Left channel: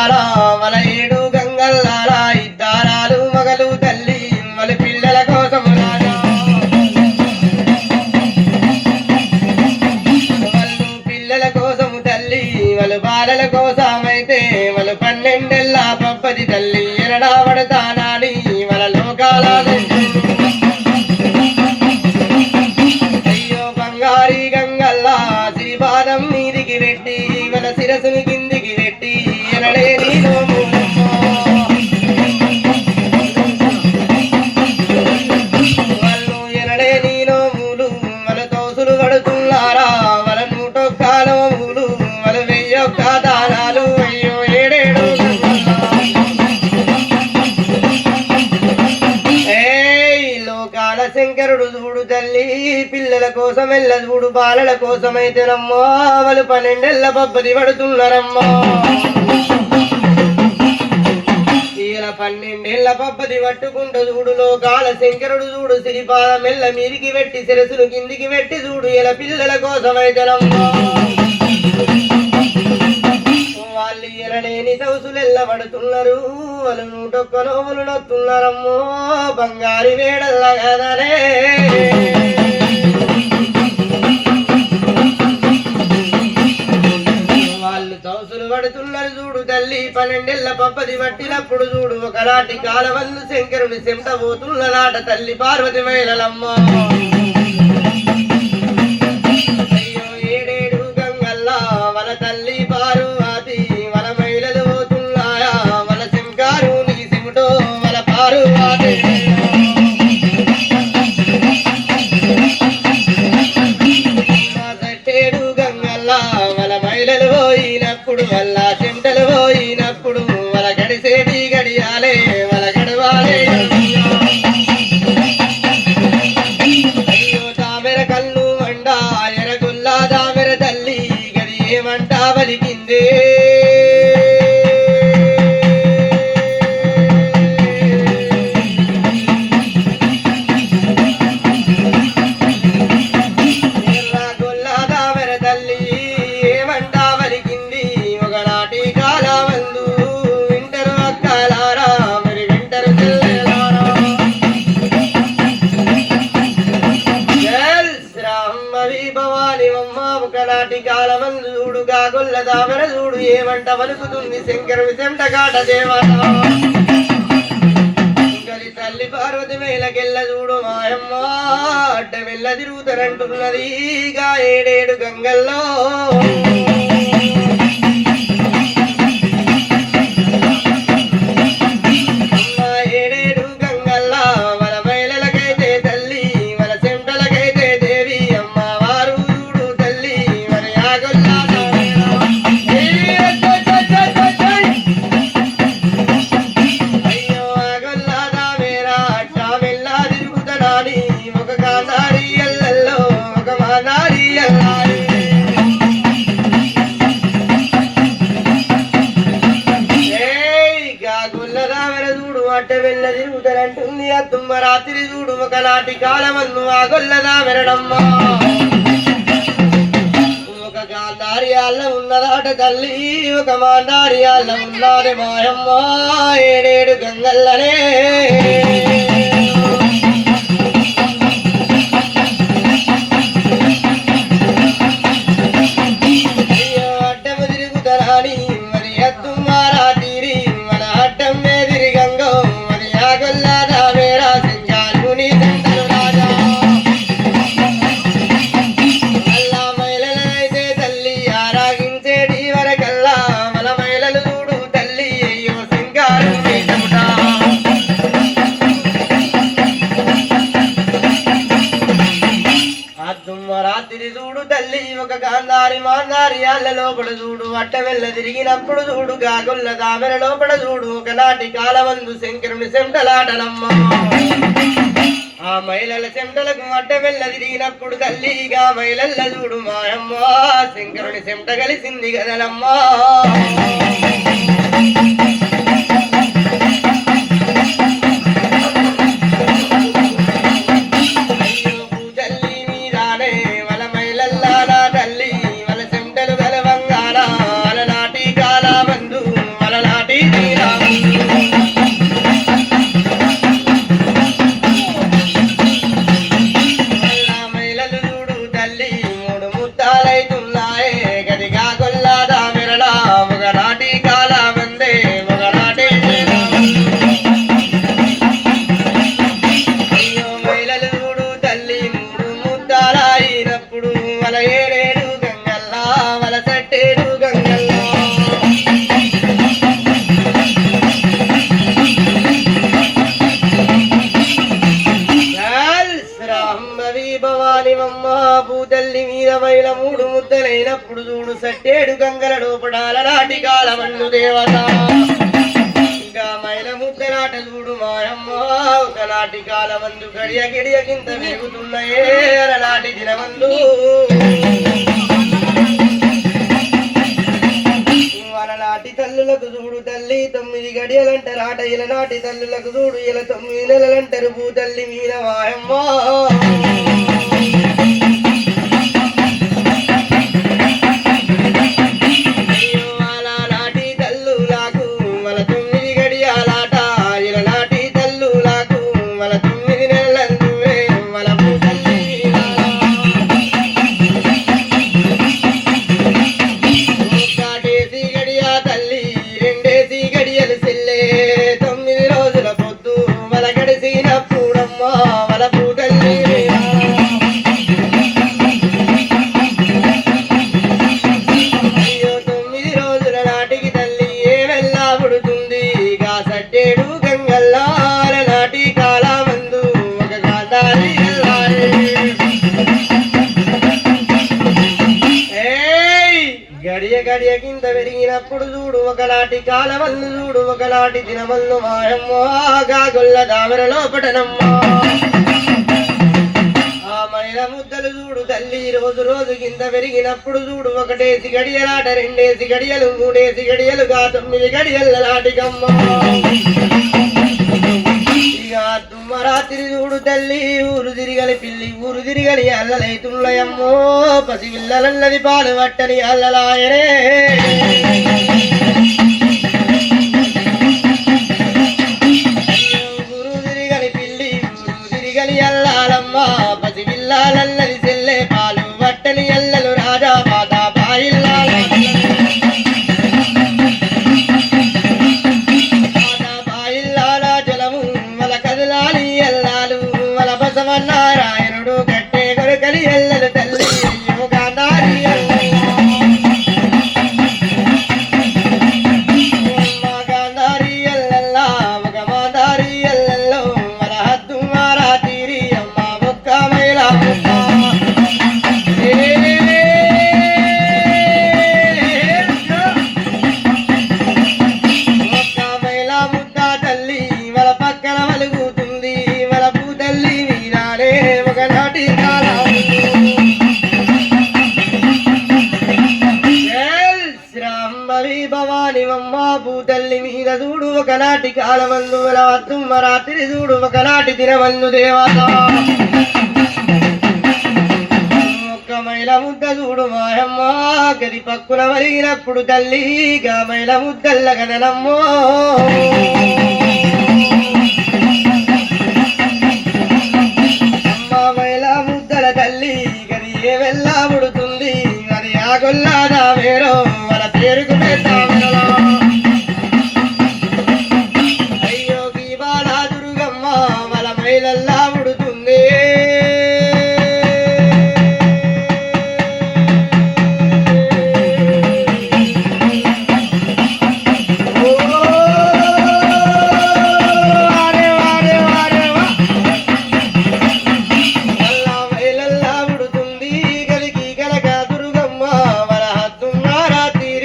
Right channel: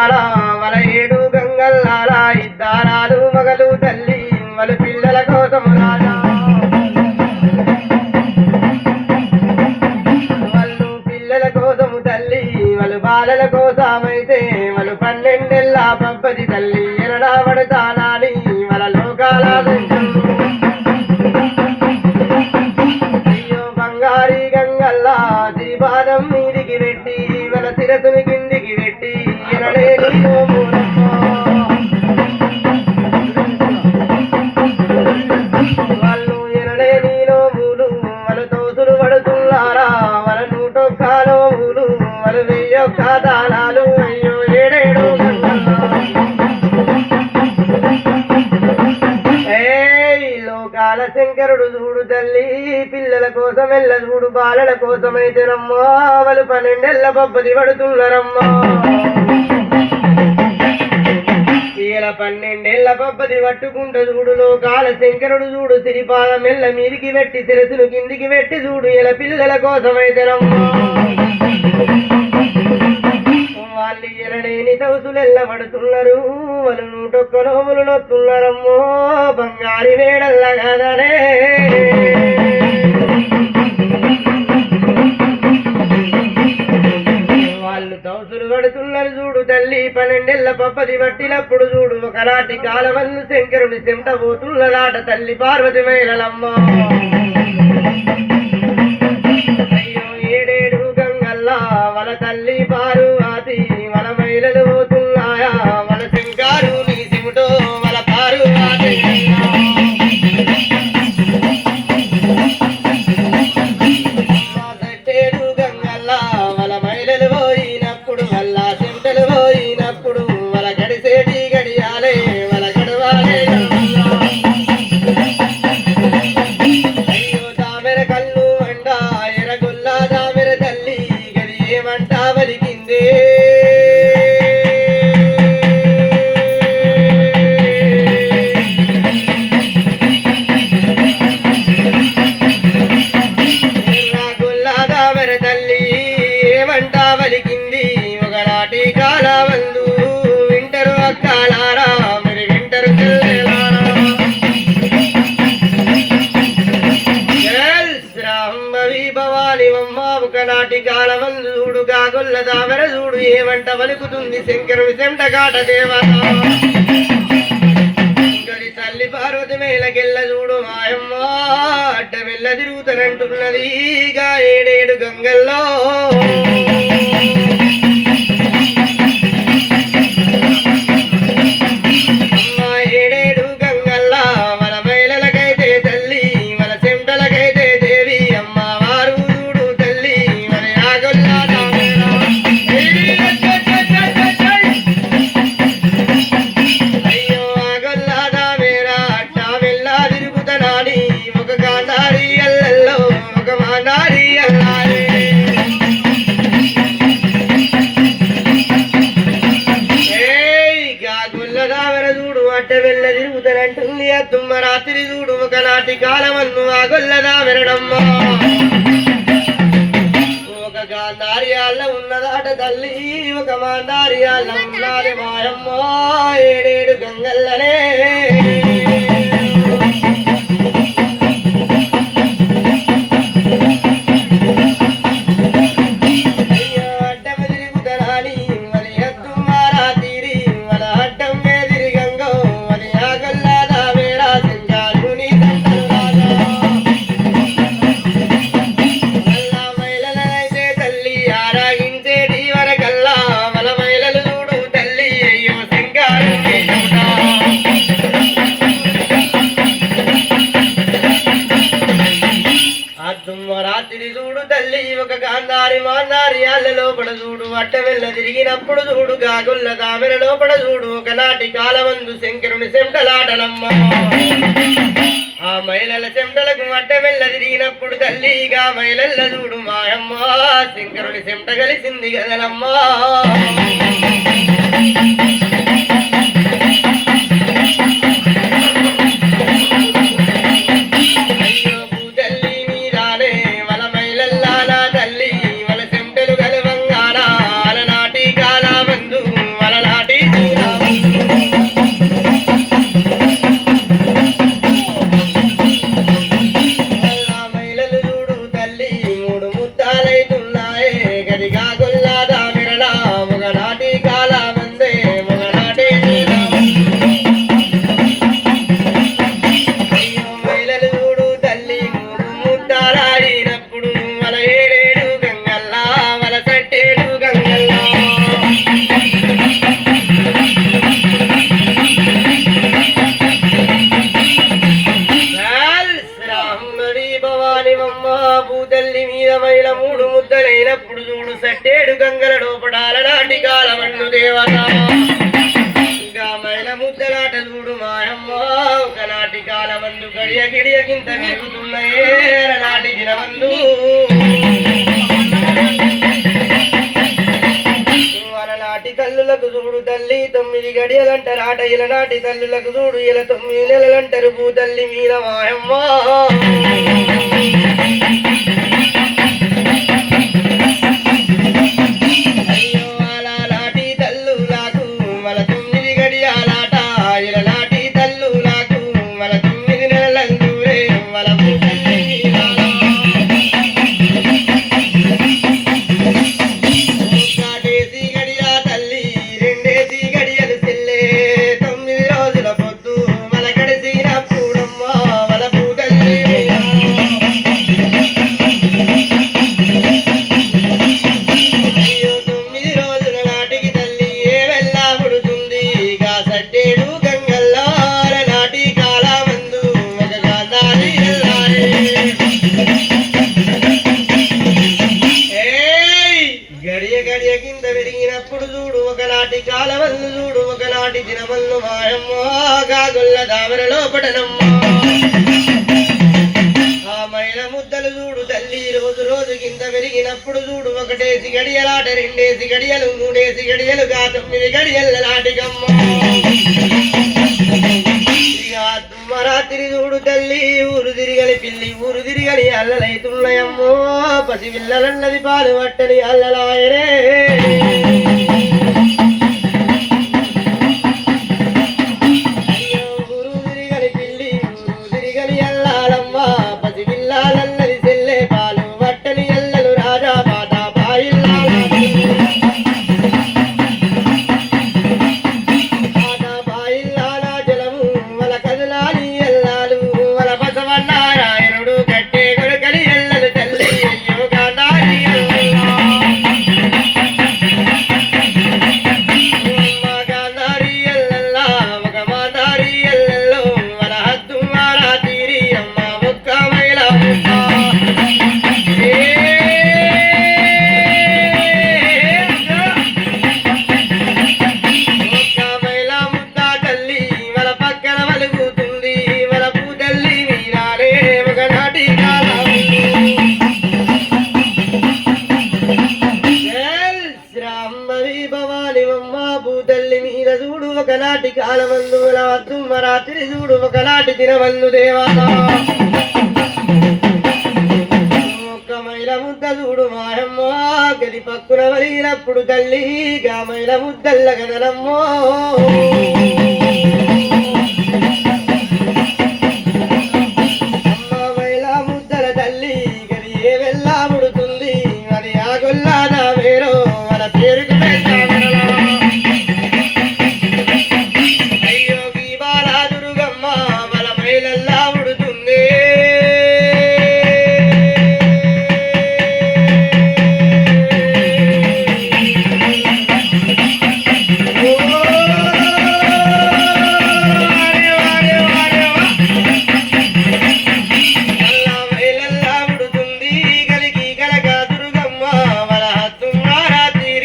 గంగల్లారా మన ఏడు గంగల్లారా ఇద్దారాలు మగలు తల్లి మన పిల్లల కోసము రాజా వాళ్ళు పిల్లల కోసము తల్లి వాళ్ళు బాలల కోసమైతే వాళ్ళు 12 ఏళ్ళ పబ్బది తల్లి ఎరడా పడతానాని మన లోకాల అయ్యో బంగారి గంగల్లా శ్రీపాదం మీదికి పెట్టి మన శిరసుని కిందికి పెట్టి ఎరడే నీలో వాళ్ళు ఎరడే నీలో మూలు మన తోసులు పడుతున్నారా మన 101 నోములు మన 1001 దానాలు అయ్యో ఏడేడు లోకాల శంకరుడు చూడు తల్లి పిల్లల కోసం ఎల్ల చూడు బాలల కోసమైతే రమ్మా వాళ్ళు 12 ఏళ్ళ పబ్బది పడుతున్నారమ్మా ఇలా 12 ఏళ్ళ పబ్బది పట్టుకుంటూ చూడు లోకాల శంకరుడు చూడు శ్రీపాదం ఎల్ల మీదికి పెట్టి శిరసును కిందికి పెట్టి చూడు ఇలా పిల్లల కోసమైతే రమ్మా వాళ్ళు ఎరడేని తౌసులు ఎల్లబడుతున్నారు వాళ్ళు 101 నోములు నొత్తున్నారమ్మో బంగారి వేడల్ల కదలే వాళ్ళు తౌసులు పడుతున్నారు చూడు తల్లి 12 ఏళ్ళ పబ్బది పట్టినప్పుడు చూడు ఒకనాటి కాలవల్లు శంకరుని చెమట పోతున్నదాట తల్లి పార్వతి మేళలమ్మో అయ్యో ఏడేడు గంగల్లా వల తల్లి పార్వతి వల మహిళలు పోతున్నాయా వల శంకారు నీ సిముటో వల పార్వతి ఏడు గంగల్లా వల మహిళలు పోయినప్పుడు వల్ల చెమటలు పోయినప్పుడు వల గడిసేటి గడియాలే వల గడవాలే అయ్యో తామెర కళ్ళు వండ ఎరగుల్లా తామెర తల్లి గది ఏమంట బలికిందే ఎర్రగుల్లా తామెర తల్లి ఏమంట బలికింది ఒకనాటి కాలమందు వింటరు అక్కలారా మరి వింటరు చెల్లెలారా శ్రాంభవి భవాని అమ్మ ఒకనాటి కాలమందు చూడు కాగొల్ల దామర చూడు ఏమంట వలుకుతుంది శంకరుని చెంటగాట దేవత గలి తల్లి పార్వతి మేళకెళ్ళ చూడు మాయమ్మ అడ్డ వెళ్ళ తిరుగుతారంటున్నది గా ఏడేడు గంగల్లో అమ్మ ఏడేడు గంగల్లా వల మహిళలకైతే తల్లి వల చెంటలకైతే దేవి అమ్మ వారు చూడు తల్లి వల యాగొల్లా అయ్యో ఆగొల్లా దామేరా అట్టా వెళ్ళా తిరుగుతనాని ఒక గాంధారి ఎల్లల్లో ఒక మానారి ఎల్లాలి చూడు అట్ట వెళ్ళ తిరుగుతారంటుంది అద్దుమ్మ రాత్రి చూడు ఒకనాటి కాలమన్ను ఆ గొల్లదా వినడమ్మా ఒక గాంధార్యాల ఉన్నదాట తల్లి ఒక మాంధార్యాల ఉన్నది మాయమ్మ ఏడేడు గంగల్లనే అయ్యో అడ్డము తిరుగుతరాని మరి అద్దుమ్మ రాత్రి మన అడ్డం ఎదిరి గంగో మరి ఆ గొల్లదా వేరా సంచాలు నీ దండలు రాజా అల్లా మహిళలైతే తల్లి ఆరాగించేటి వరకల్లా మన మహిళలు చూడు తల్లి అయ్యో శంకారు నీ చెమట అద్దుమ్మ రాత్రి చూడు తల్లి ఒక గాంధారి మాంధారి ఆళ్ళ లోపల చూడు అట్ట వెళ్ళ తిరిగినప్పుడు చూడు గాగొల్ల దామెర లోపల చూడు ఒకనాటి కాలమందు శంకరుని చెమటలాటలమ్మ ఆ మహిళల చెమటలకు అట్ట వెళ్ళ తిరిగినప్పుడు తల్లిగా మహిళల్ల చూడు మాయమ్మ శంకరుని చెమట కలిసింది కదలమ్మా అయ్యో భూతల్లి మీరానే వల మహిళల్లా నా తల్లి వల చెమటలు గలవంగానా అలనాటి కాలమందు వలలా దేవత ఇంకా మైల ముద్దలాట చూడు మాయమ్మ ఒకనాటి కాలమందు గడియ గిడియకింత పెరుగుతున్నాయే అలనాటి దినమందు అలనాటి తల్లులకు చూడు తల్లి 9 గడియలంటారాట ఇలనాటి తల్లులకు చూడు ఇలా 9 నెలలంటారు భూతల్లి మీద మాయమ్మ గడియ కింద పెరిగినప్పుడు చూడు ఒకనాటి కాలవల్లు చూడు ఒకనాటి దినవల్లు మాయమ్మ గాగొల్ల దామర లోపటనమ్మ ఆ మైల ముద్దలు చూడు తల్లి రోజు రోజు కింద పెరిగినప్పుడు చూడు 1 గడియలాట 2 గడియలు 3 గడియలుగా 9 గడియల నాటికమ్మ రాత్రి చూడు తల్లి ఊరు తిరిగలి పిల్లి ఊరు తిరిగలి అల్లలైతున్నాయమ్మో పసి పిల్లలన్నది పాలు పట్టని అల్లలాయనే ఊరు తిరిగలి పిల్లి ఊరు తిరిగలి అల్లాలమ్మ పసి పిల్లలన్నది చెల్లె పాలు పట్టని అల్లలు రాజా పాట పాయిల్లాల నారాయణుడు కట్టే కొడుకని ఎల్లలు తల్లి గాంధారి ఎల్లల్లా ఒక మాదారి ఎల్లల్లో మన హద్దు మారా తీరి అమ్మ ముక్క మైల ముక్క మైల ముద్ద తల్లి మన పక్కన మలుగుతుంది మన పూతల్లి ఒకనాటి శ్రాంబరి భవాని అమ్మ భూతల్లి మీద చూడు ఒకనాటి కాలమందు రాత్రి చూడు ఒకనాటి దినమందు దేవత ఒక్క మైల ముద్ద చూడు మాయమ్మ గది పక్కున వలిగినప్పుడు తల్లి గా మైల ముద్దల్ల కదనమ్మో